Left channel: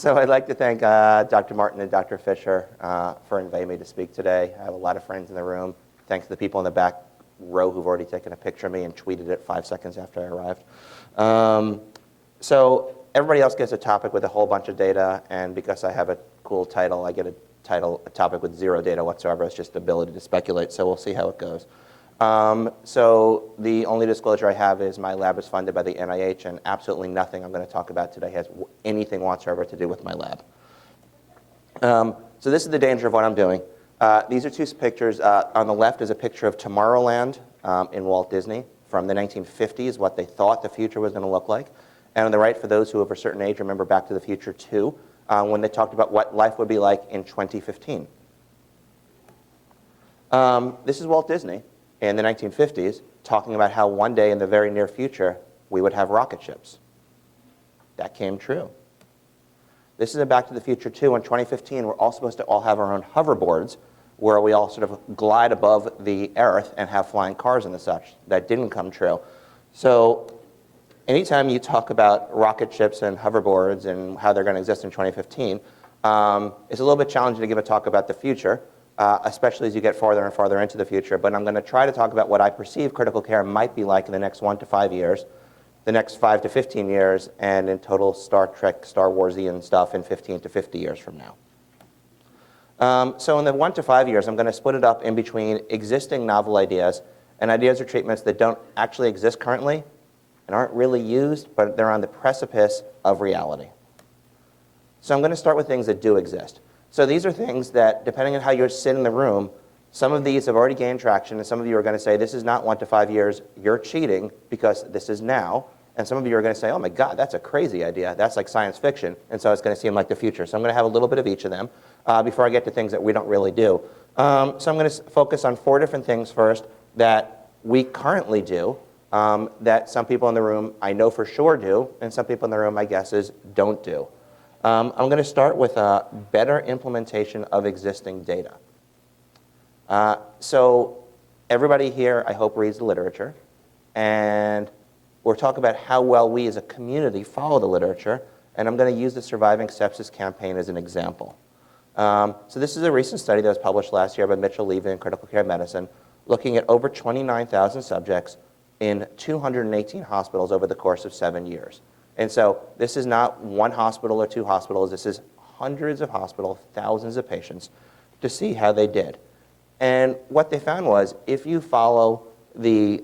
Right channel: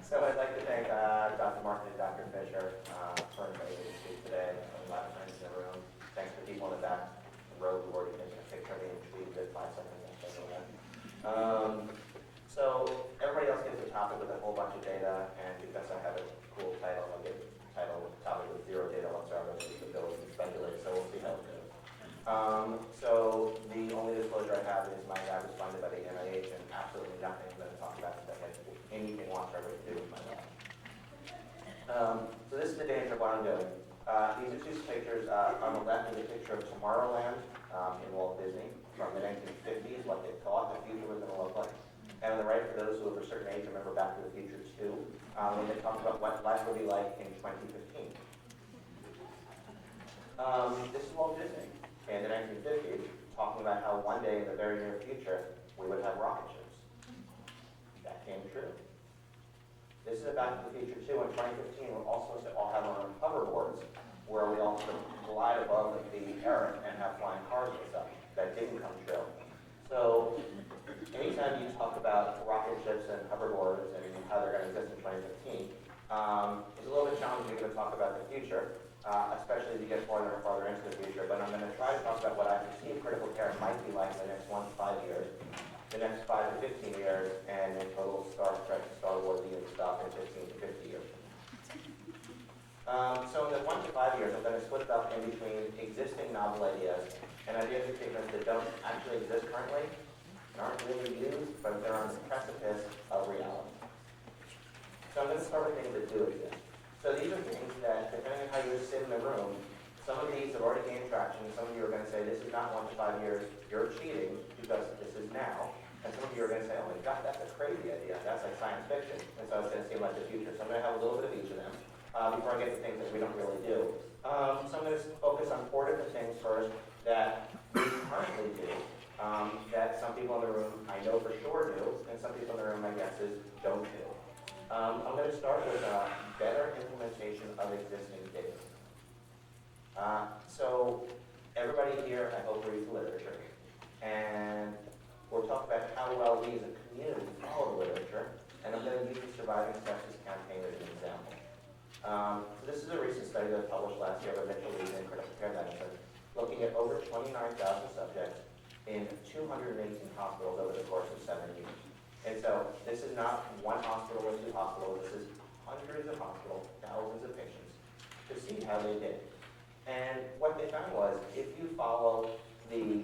So I'd like to thank Dr. Martin and Dr. Fisher for inviting me to speak today. I have a lot of friends in the room. Thanks to the people in the back row who've already taken a picture of me and tweeted it 5 seconds after I arrived. So everybody else gets a topic with a whole bunch of data, and because I have a cool title, I get a topic with zero data whatsoever. It's just the ability to speculate, so we'll see how it goes. So the only disclosure I have is my lab is funded by the NIH, and absolutely nothing I'm going to talk about today has anything whatsoever to do with my lab. So this is the danger of what I'm doing. These are two pictures. On the left is a picture of Tomorrowland in Walt Disney from the 1950s, what they thought the future was going to look like. And on the right, for those who of a certain age remember Back to the Future 2, when they talked about what life would be like in 2015. This is Walt Disney in the 1950s, talking about how one day in the very near future, we would have rocket ships. That came true. This is a Back to the Future 2. In 2015, we're all supposed to all have our own hoverboards, where we all sort of glide above the Earth and have flying cars and such. That didn't come true. So anytime you talk about rocket ships and hoverboards and how they're going to exist in 2015, it's a little bit challenging to give a talk about the future, especially as you get farther and farther into the future. But I'm going to try to talk about what I perceive critical care might be like in the next 1 to 5 years, the next 5 to 15 years, and in total Star Trek, Star Warsian stuff in 15 to 50 years from now. So in the 1 to 5 years, I'm going to split it up in between existing novel ideas and ideas or treatments that don't actually exist currently and aren't really used, but they're on the precipice of reality. So I'm going to start with things that do exist. So these are things that, depending on how you sit in the room, some of these have already gained traction, and some of you are going to say, this is not 1 to 5 years, you're cheating, because this is now. And some of you are going to say, oh my God, that's a crazy idea. That's like science fiction, and so it's going to seem like the future. So I'm going to have a little bit of each of them before I get to things that we don't really do. So I'm going to focus on 4 different things first that we currently do, that some people in the room I know for sure do, and some people in the room, my guess is, don't do. I'm going to start with a better implementation of existing data. So everybody here, I hope, reads the literature. And we'll talk about how well we as a community follow the literature. And I'm going to use the Surviving Sepsis campaign as an example. So this is a recent study that was published last year by Mitchell Levy in Critical Care Medicine, looking at over 29,000 subjects in 218 hospitals over the course of 7 years. And so this is not one hospital or 2 hospitals. This is hundreds of hospitals, thousands of patients, to see how they did. And what they found was, if you follow the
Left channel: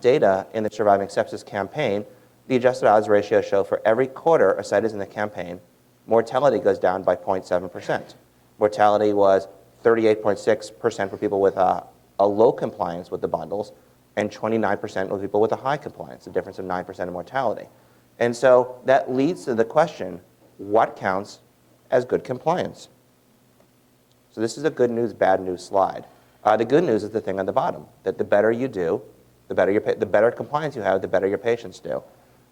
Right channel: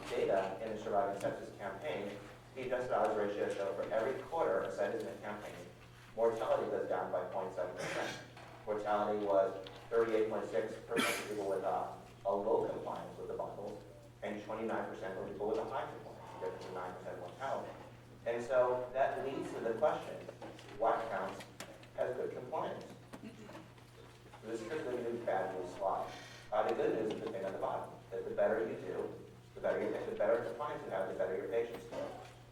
data in the Surviving Sepsis campaign, the adjusted odds ratio show for every quarter a site is in the campaign, mortality goes down by 0.7%. Mortality was 38.6% for people with a low compliance with the bundles, and 29% with people with a high compliance, a difference of 9% in mortality. And so that leads to the question, what counts as good compliance? So this is a good news, bad news slide. The good news is the thing on the bottom, that the better you do, the better compliance you have, the better your patients do.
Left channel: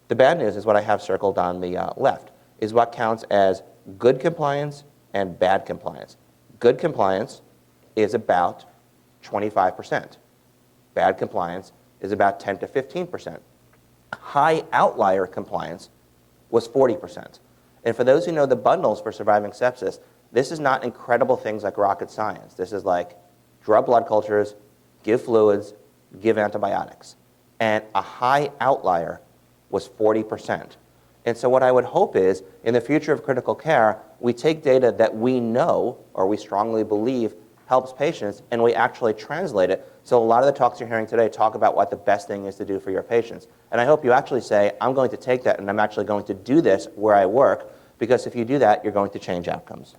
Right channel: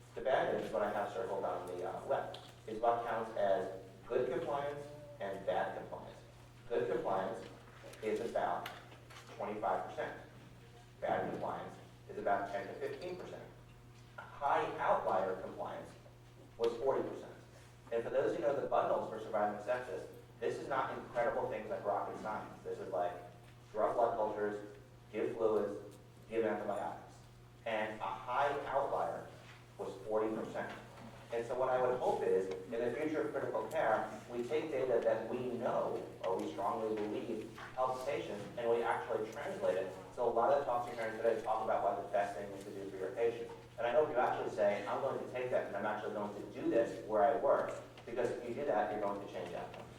The bad news is what I have circled on the left, is what counts as good compliance and bad compliance. Good compliance is about 25%. Bad compliance is about 10 to 15%. High outlier compliance was 40%. And for those who know the bundles for Surviving Sepsis, this is not incredible things like rocket science. This is like draw blood cultures, give fluids, give antibiotics. And a high outlier was 40%. And so what I would hope is, in the future of critical care, we take data that we know, or we strongly believe, helps patients, and we actually translate it. So a lot of the talks you're hearing today talk about what the best thing is to do for your patients. And I hope you actually say, I'm going to take that and I'm actually going to do this where I work, because if you do that, you're going to change outcomes.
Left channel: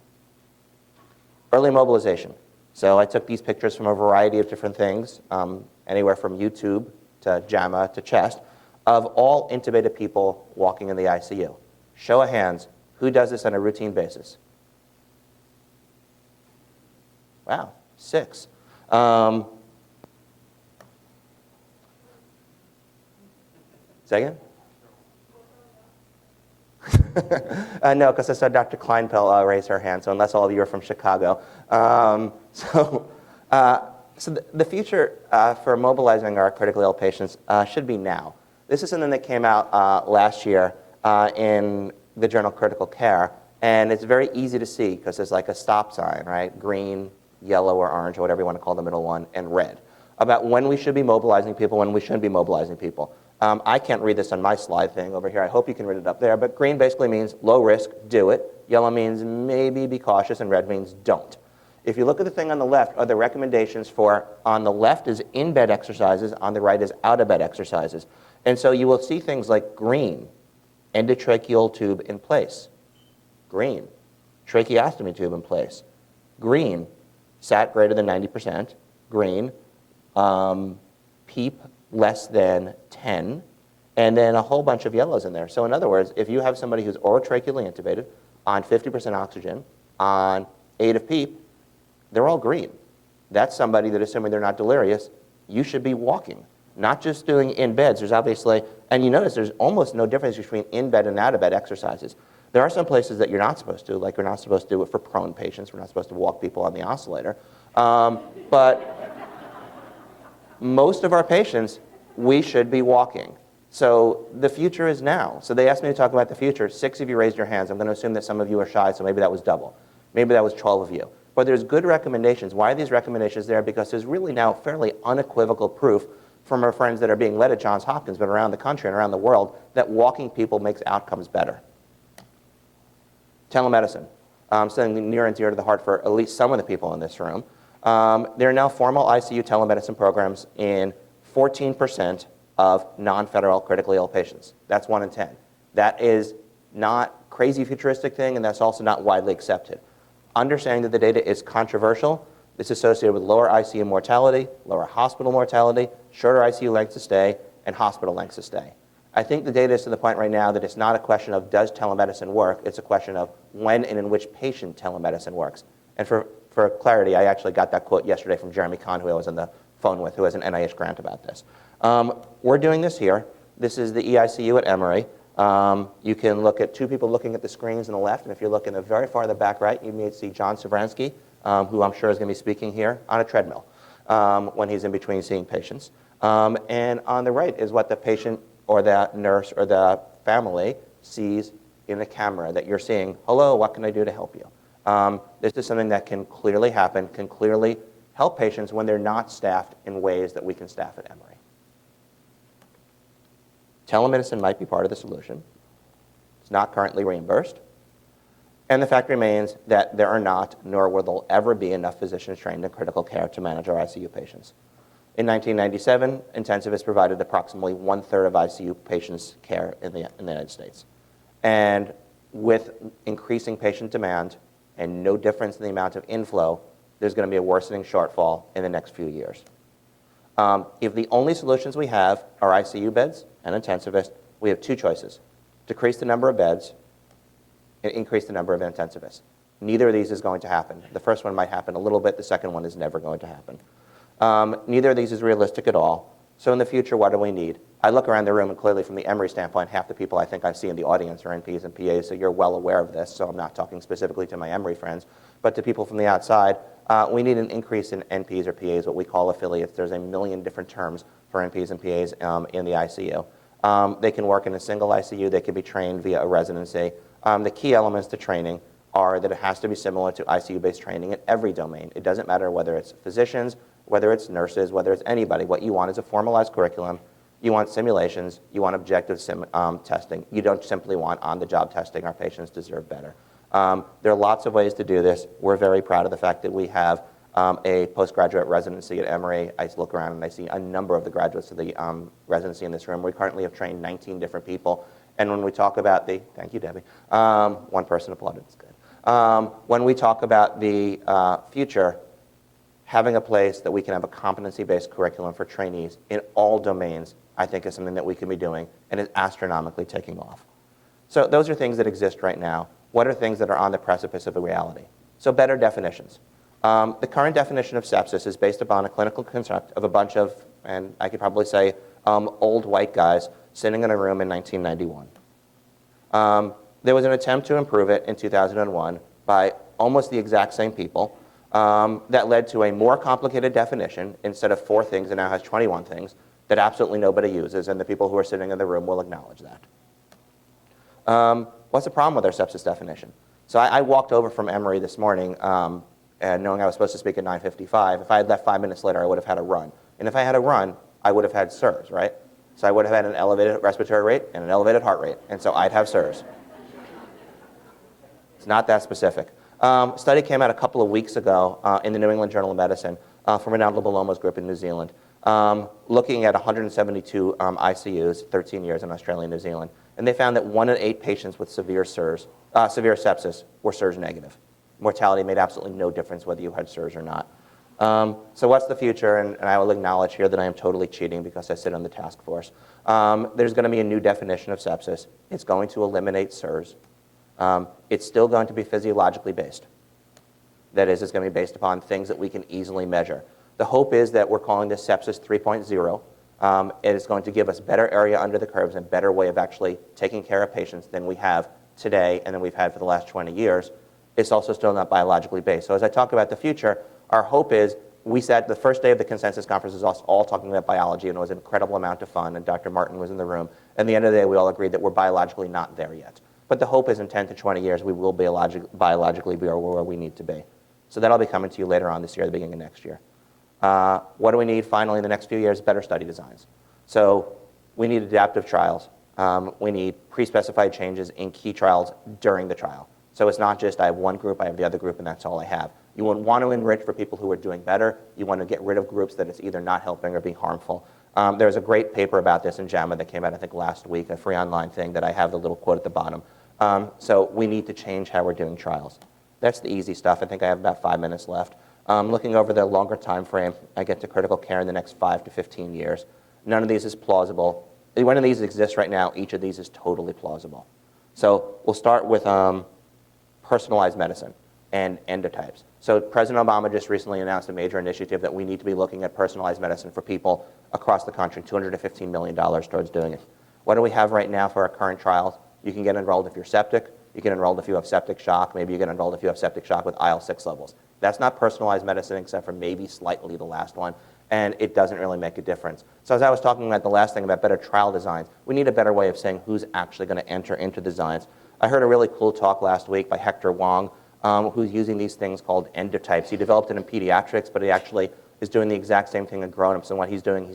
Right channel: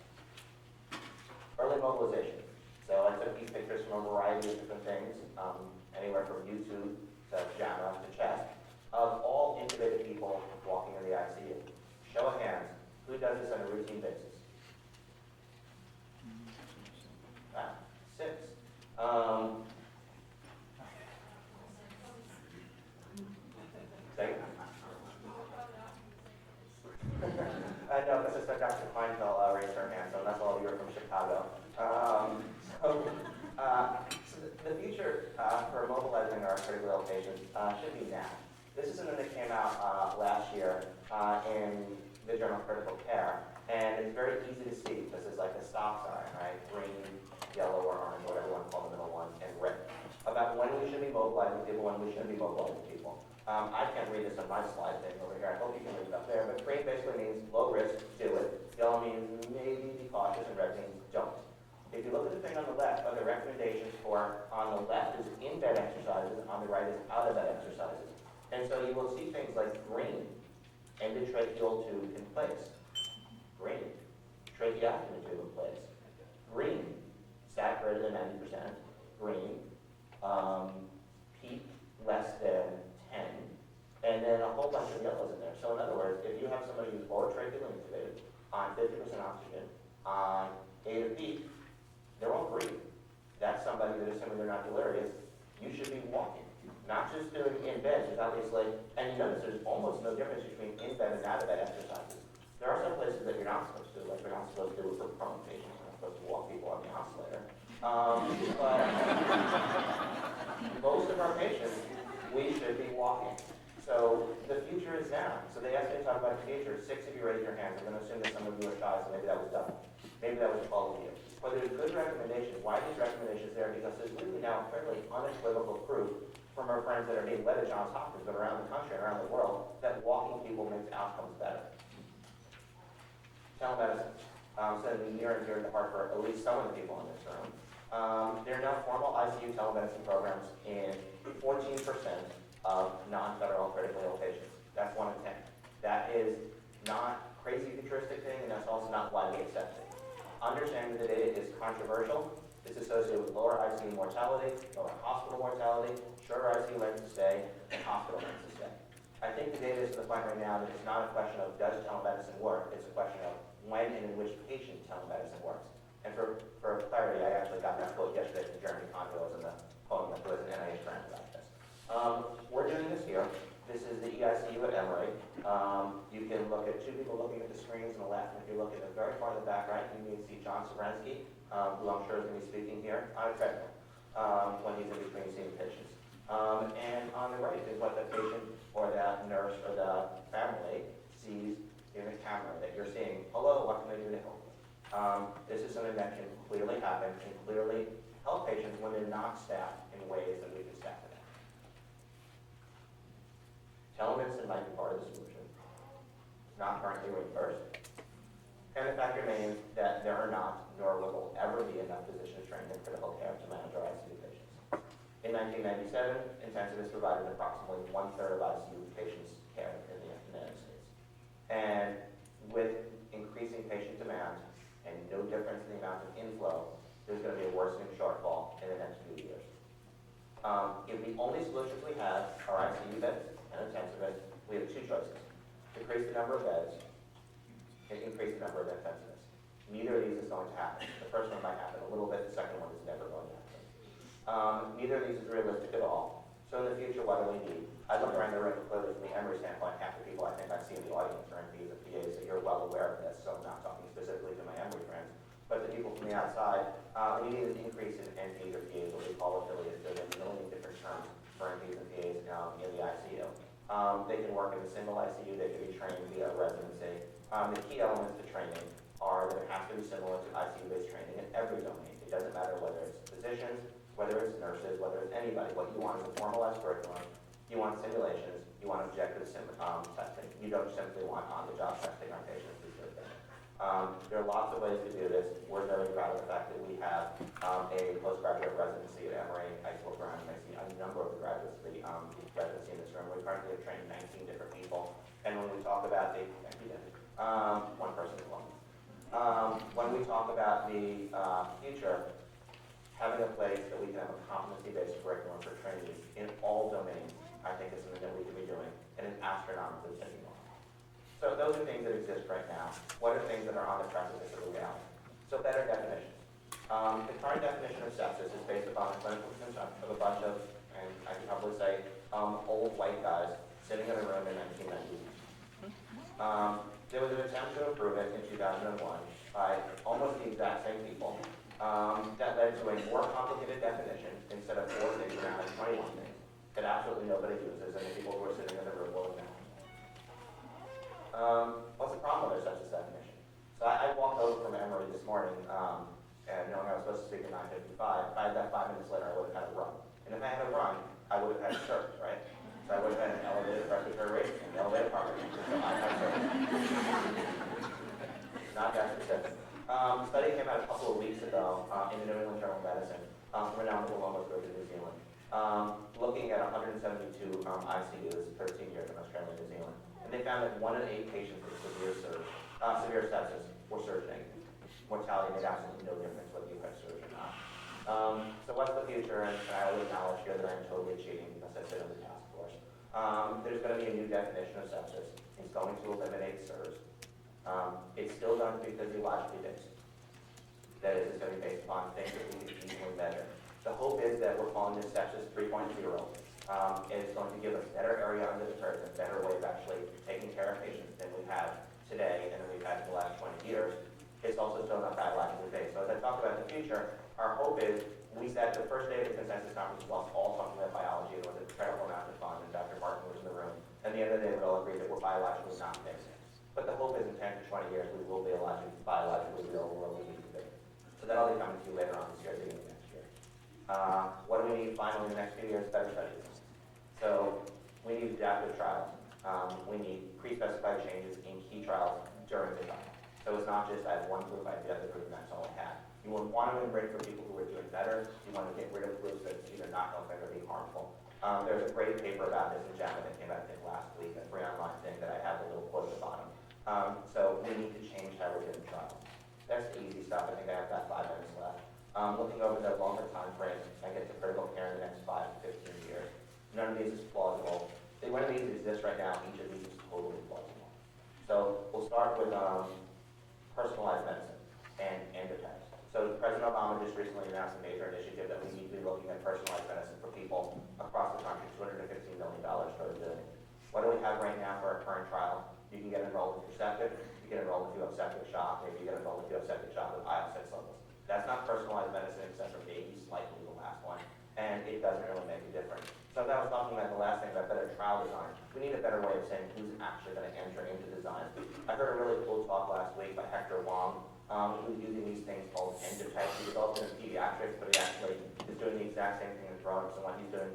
Early mobilization. So I took these pictures from a variety of different things, anywhere from YouTube to JAMA to CHEST, of all intubated people walking in the ICU. Show of hands, who does this on a routine basis? Wow, 6. Second? No, because I saw Dr. Kleinpel raise her hand, so unless all of you are from Chicago. So the future for mobilizing our critically ill patients should be now. This is something that came out last year in the journal Critical Care, And it's very easy to see because there's like a stop sign, right? Green, yellow, or orange, or whatever you want to call the middle one, and red. About when we should be mobilizing people, when we shouldn't be mobilizing people. I can't read this on my slide thing over here. I hope you can read it up there. But green basically means low risk, do it. Yellow means maybe be cautious, and red means don't. If you look at the thing on the left, are the recommendations for, on the left is in-bed exercises, on the right is out-of-bed exercises. And so you will see things like green, endotracheal tube in place. Green, tracheostomy tube in place. Green, SAT greater than 90%. Green, PEEP less than 10. And then a whole bunch of yellows in there. So in other words, if you have somebody who's orotracheally intubated, on 50% oxygen, on 8 of PEEP, they're all green. That's somebody that, assuming they're not delirious, you should be walking, not just doing in beds. There's obviously, and you notice there's almost no difference between in bed and out of bed exercises. There are some places that you're not supposed to, like we're not supposed to do it for prone patients. We're not supposed to walk people on the oscillator. But most of our patients, we should be walking. So the future is now. So they asked me to talk about the future. 6 of you raised your hands. I'm going to assume that some of you are shy, so maybe that was double. Maybe that was 12 of you. But there's good recommendations. Why are these recommendations there? Because there's really now fairly unequivocal proof from our friends that are being led at Johns Hopkins, but around the country and around the world, that walking people makes outcomes better. Telemedicine, something near and dear to the heart for at least some of the people in this room. There are now formal ICU telemedicine programs in 14% of non-federal critically ill patients. That's 1 in 10. That is not crazy futuristic thing, and that's also not widely accepted. Understanding that the data is controversial, it's associated with lower ICU mortality, lower hospital mortality, shorter ICU lengths of stay, and hospital lengths of stay. I think the data is to the point right now that it's not a question of does telemedicine work, it's a question of when and in which patient telemedicine works. And for clarity, I actually got that quote yesterday from Jeremy Kahn, who I was on the phone with, who has an NIH grant about this. We're doing this here. This is the EICU at Emory. You can look at 2 people looking at the screens on the left, and if you look in the very far the back right, you may see John Savransky, who I'm sure is going to be speaking here on a treadmill when he's in between seeing patients. And on the right is what the patient or the nurse or the family sees in the camera that you're seeing. Hello, what can I do to help you? This is something that can clearly happen, can clearly help patients when they're not staffed in ways that we can staff at Emory. Telemedicine might be part of the solution. It's not currently reimbursed. And the fact remains that there are not, nor will there ever be, enough physicians trained in critical care to manage our ICU patients. In 1997, intensivists provided approximately 1/3 of ICU patients' care in the United States. And with increasing patient demand and no difference in the amount of inflow, there's going to be a worsening shortfall in the next few years. If the only solutions we have are ICU beds and intensivists, we have 2 choices: decrease the number of beds and increase the number of intensivists. Neither of these is going to happen. The first one might happen a little bit. The second one is never going to happen. Neither of these is realistic at all. So in the future, what do we need? I look around the room, and clearly from the Emory standpoint, half the people I think I see in the audience are NPs and PAs, so you're well aware of this, so I'm not talking specifically to my Emory friends. But to people from the outside, we need an increase in NPs or PAs, what we call affiliates. There's a million different terms for NPs and PAs in the ICU. They can work in a single ICU. They can be trained via a residency. The key elements to training are that it has to be similar to ICU-based training in every domain. It doesn't matter whether it's physicians, whether it's nurses, whether it's anybody. What you want is a formalized curriculum. You want simulations. You want objective testing. You don't simply want on-the-job testing. Our patients deserve better. There are lots of ways to do this. We're very proud of the fact that we have a postgraduate residency at Emory. I look around and I see a number of the graduates of the residency in this room. We currently have trained 19 different people. And when we talk about the, thank you, Debbie. One person applauded, it's good. When we talk about the future, having a place that we can have a competency-based curriculum for trainees in all domains, I think is something that we can be doing and is astronomically taking off. So those are things that exist right now. What are things that are on the precipice of a reality? So better definitions. The current definition of sepsis is based upon a clinical construct of a bunch of, and I could probably say, old white guys sitting in a room in 1991. There was an attempt to improve it in 2001 by almost the exact same people that led to a more complicated definition. Instead of 4 things, it now has 21 things that absolutely nobody uses, and the people who are sitting in the room will acknowledge that. What's the problem with our sepsis definition? So I walked over from Emory this morning and knowing I was supposed to speak at 9:55. If I had left 5 minutes later, I would have had a run. And if I had a run, I would have had SIRS, right? So I would have had an elevated respiratory rate and an elevated heart rate. And so I'd have SIRS. It's not that specific. Study came out a couple of weeks ago in the New England Journal of Medicine from Ronaldo Bellomo's group in New Zealand, looking at 172 ICUs, 13 years in Australia and New Zealand. And they found that 1 in 8 patients with severe sepsis were SIRS negative. Mortality made absolutely no difference whether you had SIRS or not. So what's the future? And I will acknowledge here that I am totally cheating because I sit on the task force. There's going to be a new definition of sepsis. It's going to eliminate SIRS. It's still going to be physiologically based. That is, it's going to be based upon things that we can easily measure. The hope is that we're calling this sepsis 3.0. It is going to give us better area under the curves and better way of actually taking care of patients than we have today and than we've had for the last 20 years. It's also still not biologically based. So as I talk about the future, our hope is, we sat the first day of the consensus conference was us all talking about biology, and it was an incredible amount of fun, and Dr. Martin was in the room. At the end of the day, we all agreed that we're biologically not there yet. But the hope is in 10 to 20 years, we will biologically be where we need to be. So that'll be coming to you later on this year, the beginning of next year. What do we need finally in the next few years? Better study designs. So we need adaptive trials. We need pre-specified changes in key trials during the trial. So it's not just I have one group, I have the other group, and that's all I have. You want to enrich for people who are doing better. You want to get rid of groups that it's either not helping or being harmful. There's a great paper about this in JAMA that came out, I think, last week, a free online thing that I have the little quote at the bottom. So we need to change how we're doing trials. That's the easy stuff. I think I have about 5 minutes left. Looking over the longer time frame, I get to critical care in the next 5 to 15 years. None of these is plausible. One of these exists right now. Each of these is totally plausible. So we'll start with personalized medicine and endotypes. So President Obama just recently announced a major initiative that we need to be looking at personalized medicine for people across the country, $215 million towards doing it. What do we have right now for our current trials? You can get enrolled if you're septic. You get enrolled if you have septic shock. Maybe you get enrolled if you have septic shock with IL-6 levels. That's not personalized medicine except for maybe slightly the last one, and it doesn't really make a difference. So as I was talking about the last thing about better trial designs, we need a better way of saying who's actually going to enter into designs. I heard a really cool talk last week by Hector Wong, who's using these things called endotypes. He developed it in pediatrics, but he actually is doing the exact same thing in grown-ups. And what he's doing,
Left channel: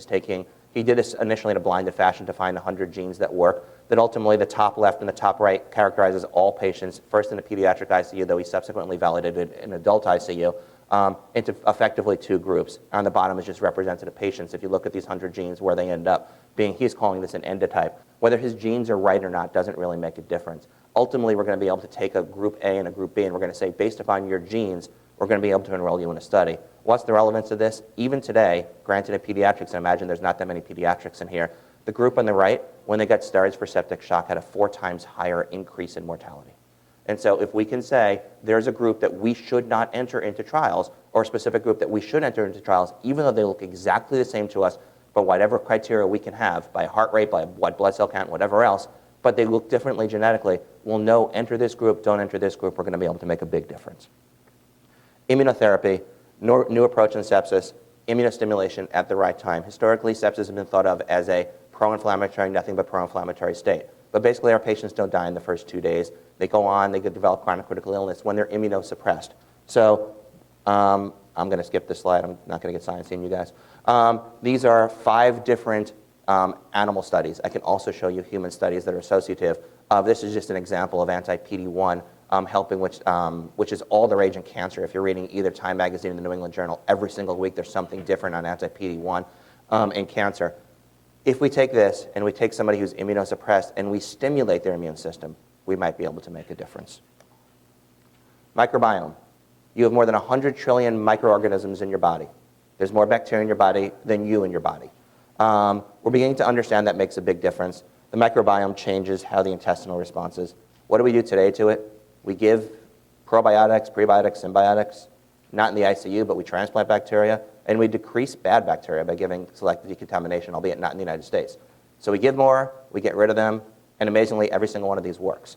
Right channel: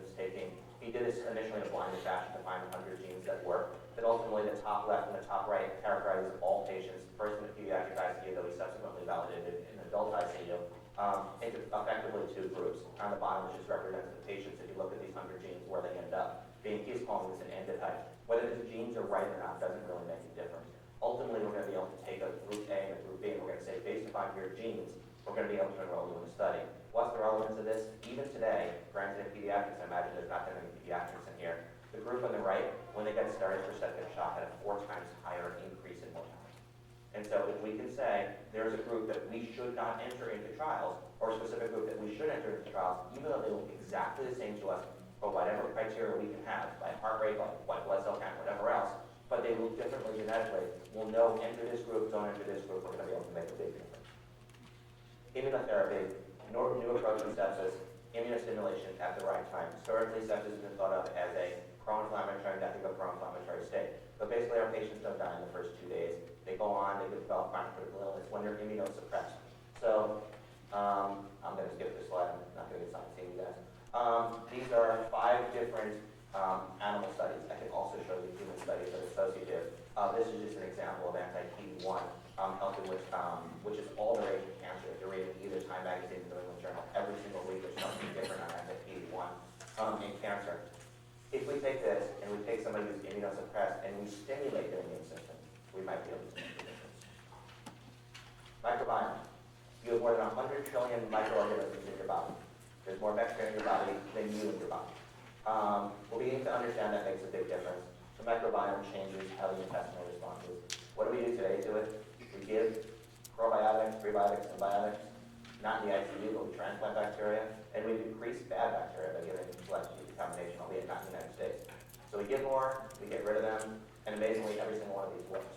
he did this initially in a blinded fashion to find 100 genes that work. That ultimately the top left and the top right characterizes all patients, first in a pediatric ICU, though he subsequently validated in adult ICU, into effectively 2 groups. On the bottom is just representative patients. If you look at these 100 genes, where they end up being, he's calling this an endotype. Whether his genes are right or not doesn't really make a difference. Ultimately, we're going to be able to take a group A and a group B, and we're going to say, based upon your genes, we're going to be able to enroll you in a study. What's the relevance of this? Even today, granted in pediatrics, I imagine there's not that many pediatrics in here, the group on the right, when they got steroids for septic shock, had a 4 times higher increase in mortality. And so if we can say there's a group that we should not enter into trials, or a specific group that we should enter into trials, even though they look exactly the same to us, but whatever criteria we can have, by heart rate, by white blood cell count, whatever else, but they look differently genetically, we'll know enter this group, don't enter this group, we're going to be able to make a big difference. Immunotherapy, new approach in sepsis, immunostimulation at the right time. Historically, sepsis has been thought of as a pro-inflammatory, nothing but pro-inflammatory state. But basically, our patients don't die in the first 2 days. They go on, they could develop chronic critical illness when they're immunosuppressed. So I'm going to skip this slide. I'm not going to get sciencing you guys. These are 5 different animal studies. I can also show you human studies that are associative. This is just an example of anti-PD-1 helping, which is all the rage in cancer. If you're reading either Time Magazine or the New England Journal, every single week there's something different on anti-PD-1 in cancer. If we take this and we take somebody who's immunosuppressed and we stimulate their immune system, we might be able to make a difference. Microbiome. You have more than 100 trillion microorganisms in your body. There's more bacteria in your body than you in your body. We're beginning to understand that makes a big difference. The microbiome changes how the intestinal response is. What do we do today to it? We give probiotics, prebiotics, symbiotics, not in the ICU, but we transplant bacteria, and we decrease bad bacteria by giving selective decontamination, albeit not in the United States. So we give more, we get rid of them, and amazingly, every single one of these works.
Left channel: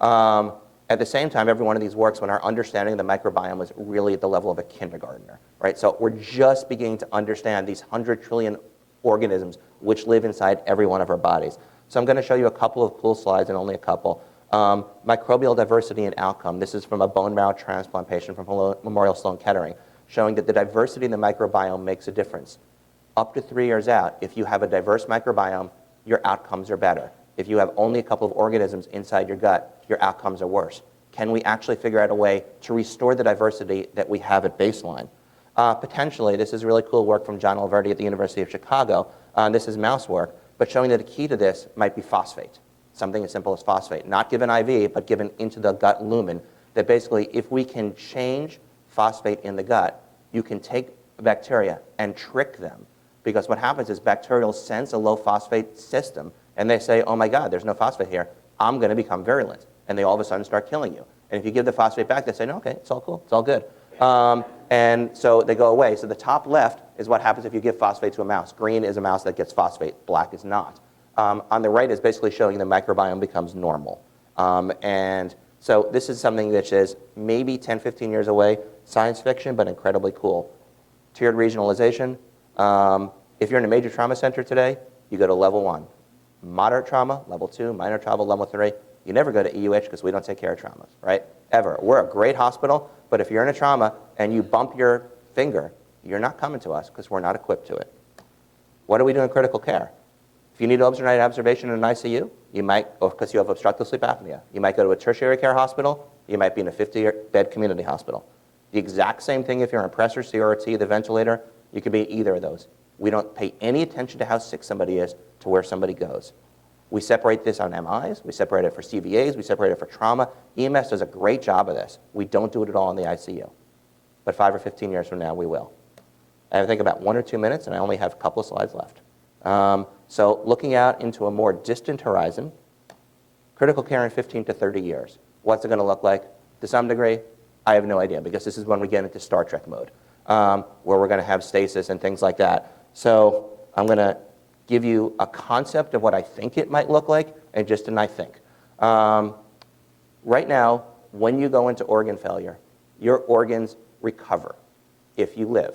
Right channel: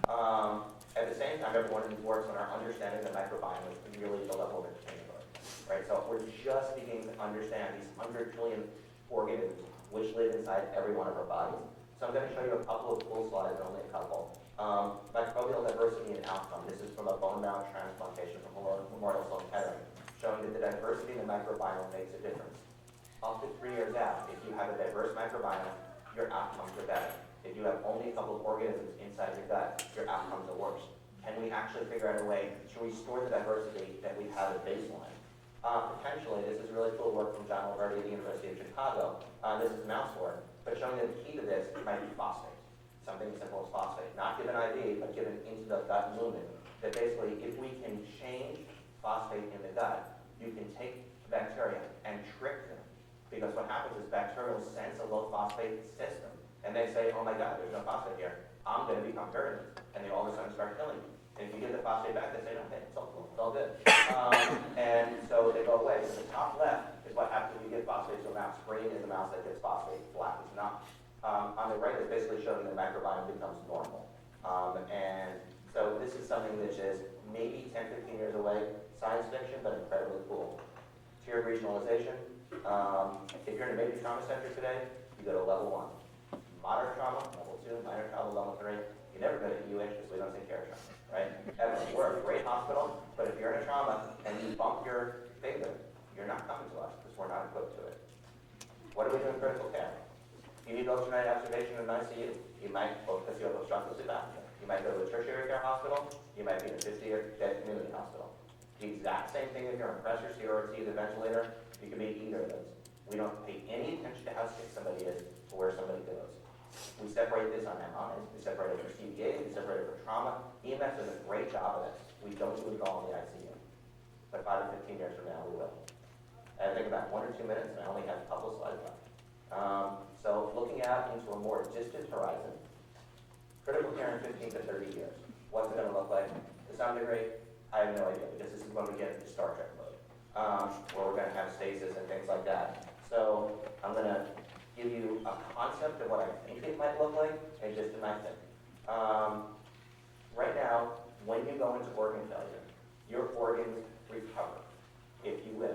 At the same time, every one of these works when our understanding of the microbiome is really at the level of a kindergartner, right? So we're just beginning to understand these 100 trillion organisms which live inside every one of our bodies. So I'm going to show you a couple of cool slides, and only a couple, Microbial diversity and outcome. This is from a bone marrow transplant patient from Memorial Sloan Kettering, showing that the diversity in the microbiome makes a difference. Up to 3 years out, if you have a diverse microbiome, your outcomes are better. If you have only a couple of organisms inside your gut, your outcomes are worse. Can we actually figure out a way to restore the diversity that we have at baseline? Potentially, this is really cool work from John Alverdi at the University of Chicago. This is mouse work, but showing that the key to this might be phosphate. Something as simple as phosphate, not given IV, but given into the gut lumen, that basically if we can change phosphate in the gut, you can take bacteria and trick them. Because what happens is bacteria sense a low phosphate system, and they say, oh my God, there's no phosphate here. I'm going to become virulent. And they all of a sudden start killing you. And if you give the phosphate back, they say, no, okay, it's all cool, it's all good. And so they go away. So the top left is what happens if you give phosphate to a mouse. Green is a mouse that gets phosphate, black is not. On the right is basically showing the microbiome becomes normal. And so this is something that is maybe 10, 15 years away, science fiction, but incredibly cool. Tiered regionalization. If you're in a major trauma center today, you go to level 1. Moderate trauma, level 2, minor trauma, level 3. You never go to EUH because we don't take care of trauma, right? Ever. We're a great hospital, but if you're in a trauma and you bump your finger, you're not coming to us because we're not equipped to it. What do we do in critical care? If you need overnight observation in an ICU, you might, because you have obstructive sleep apnea, you might go to a tertiary care hospital, you might be in a 50-bed community hospital. The exact same thing if you're on pressor, CRT, the ventilator, you could be in either of those. We don't pay any attention to how sick somebody is to where somebody goes. We separate this on MIs, we separate it for CBAs, we separate it for trauma. EMS does a great job of this. We don't do it at all in the ICU. But 5 or 15 years from now, we will. I think about 1 or 2 minutes, and I only have a couple of slides left. So looking out into a more distant horizon, critical care in 15 to 30 years. What's it going to look like? To some degree, I have no idea, because this is when we get into Star Trek mode, where we're going to have stasis and things like that. So I'm going to give you a concept of what I think it might look like, and just an I think. Right now, when you go into organ failure, your organs recover if you live.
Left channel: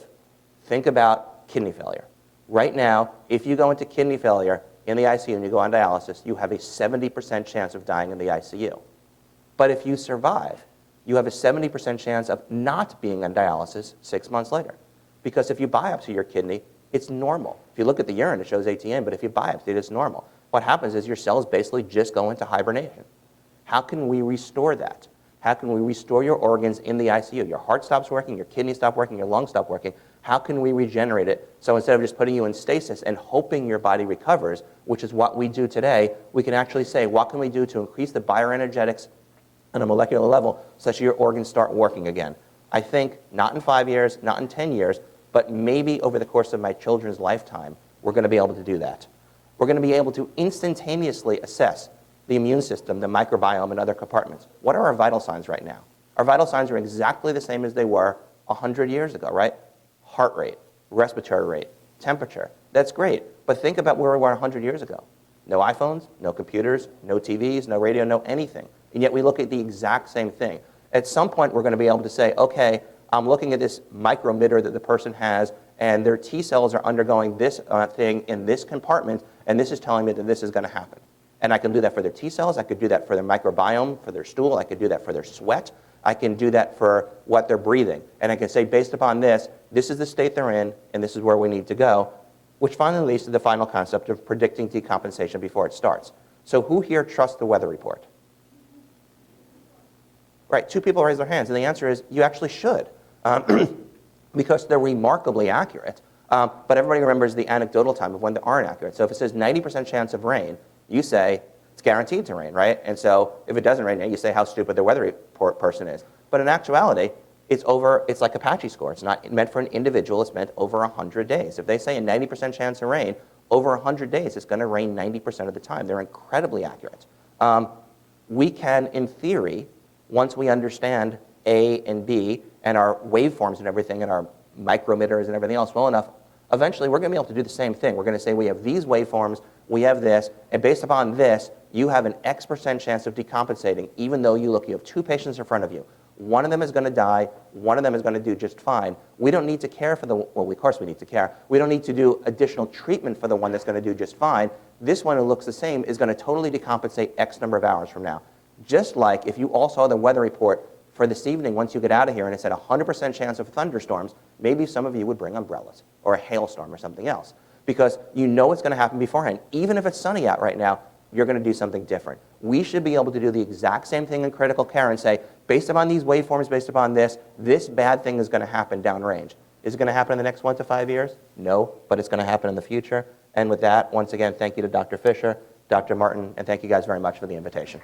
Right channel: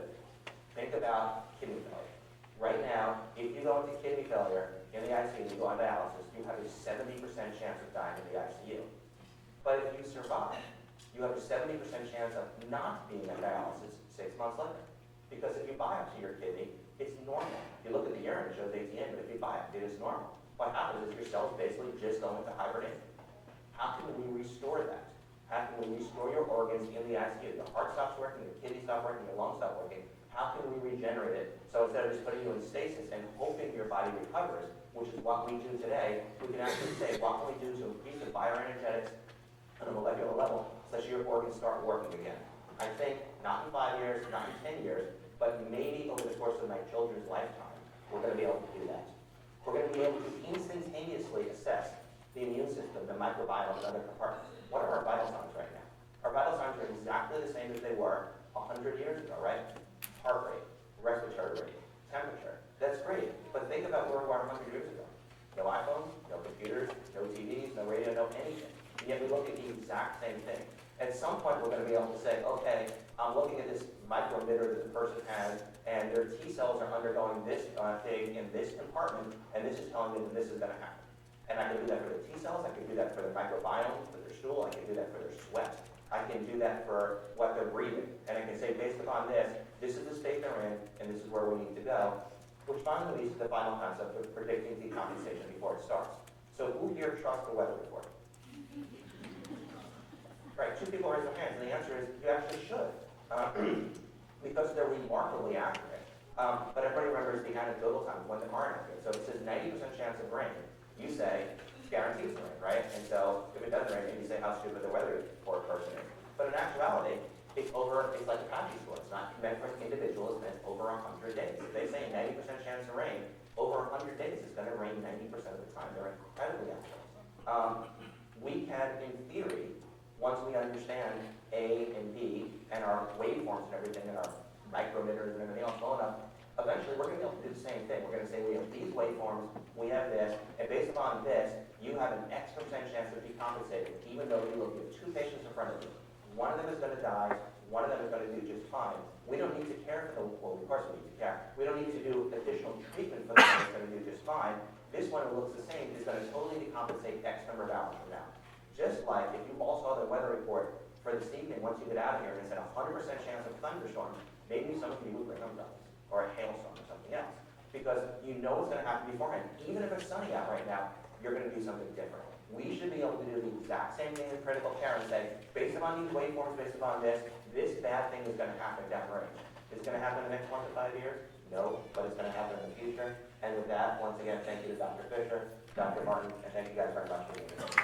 Think about kidney failure. Right now, if you go into kidney failure in the ICU and you go on dialysis, you have a 70% chance of dying in the ICU. But if you survive, you have a 70% chance of not being on dialysis 6 months later. Because if you biopsy your kidney, it's normal. If you look at the urine, it shows ATN, but if you biopsy it, it's normal. What happens is your cells basically just go into hibernation. How can we restore that? How can we restore your organs in the ICU? Your heart stops working, your kidneys stop working, your lungs stop working. How can we regenerate it? So instead of just putting you in stasis and hoping your body recovers, which is what we do today, we can actually say, what can we do to increase the bioenergetics on a molecular level such that your organs start working again? I think not in 5 years, not in 10 years, but maybe over the course of my children's lifetime, we're going to be able to do that. We're going to be able to instantaneously assess the immune system, the microbiome, and other compartments. What are our vital signs right now? Our vital signs are exactly the same as they were 100 years ago, right? Heart rate, respiratory rate, temperature. That's great, but think about where we were 100 years ago. No iPhones, no computers, no TVs, no radio, no anything. And yet we look at the exact same thing. At some point, we're going to be able to say, okay, I'm looking at this micromitter that the person has, and their T cells are undergoing this thing in this compartment, and this is telling me that this is going to happen. And I can do that for their T cells. I could do that for their microbiome, for their stool. I could do that for their sweat. I can do that for what they're breathing. And I can say, based upon this, this is the state they're in, and this is where we need to go, which finally leads to the final concept of predicting decompensation before it starts. So who here trusts the weather report? Right, 2 people raise their hands, and the answer is you actually should, because they're remarkably accurate. But everybody remembers the anecdotal time of when they aren't accurate. So if it says 90% chance of rain, you say it's guaranteed to rain, right? And so if it doesn't rain, you say how stupid the weather report person is. But in actuality, it's like Apache score. It's not meant for an individual, it's meant over 100 days. If they say a 90% chance of rain, over 100 days, it's going to rain 90% of the time. They're incredibly accurate. We can, in theory, once we understand A and B and our waveforms and everything and our micrometers and everything else well enough, eventually we're going to be able to do the same thing. We're going to say we have these waveforms, we have this, and based upon this, you have an X% chance of decompensating, even though you have 2 patients in front of you. One of them is going to die, one of them is going to do just fine. We don't need to care for well, of course we need to care. We don't need to do additional treatment for the one that's going to do just fine. This one who looks the same is going to totally decompensate X number of hours from now. Just like if you all saw the weather report for this evening once you get out of here and it said 100% chance of thunderstorms, maybe some of you would bring umbrellas or a hailstorm or something else because you know it's going to happen beforehand. Even if it's sunny out right now, you're going to do something different. We should be able to do the exact same thing in critical care and say, based upon these waveforms, based upon this bad thing is going to happen downrange. Is it going to happen in the next 1 to 5 years? No, but it's going to happen in the future. And with that, once again, thank you to Dr. Fisher, Dr. Martin, and thank you guys very much for the invitation.